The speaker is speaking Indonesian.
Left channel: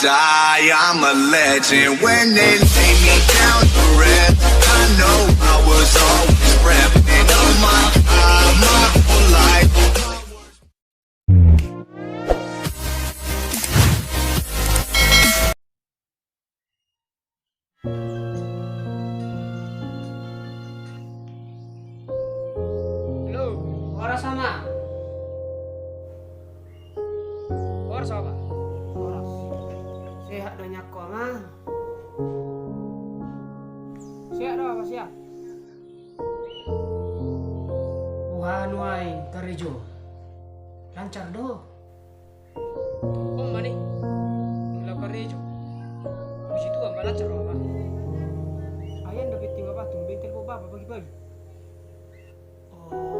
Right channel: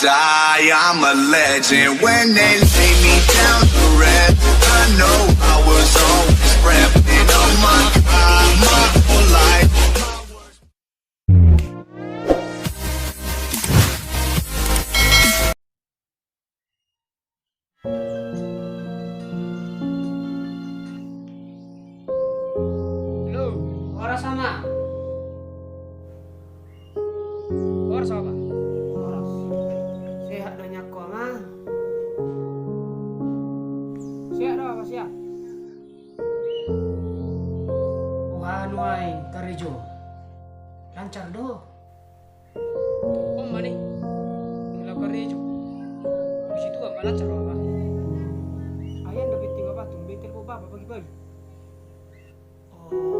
die, I'm a legend. When they lay me down to rest, I know I was always repping. Oh my God, my whole life. Halo, oras sama. Oras apa? Oras. Sehat banyak kok mah. Siap dah apa siap? Tuhan wae karejo. Lancar doh. Oh mani. Ngelaw karejo. Di situ apa lancar apa? Ayan dapat tinggal apa? Tumben telepon bapa pagi-pagi. Oh.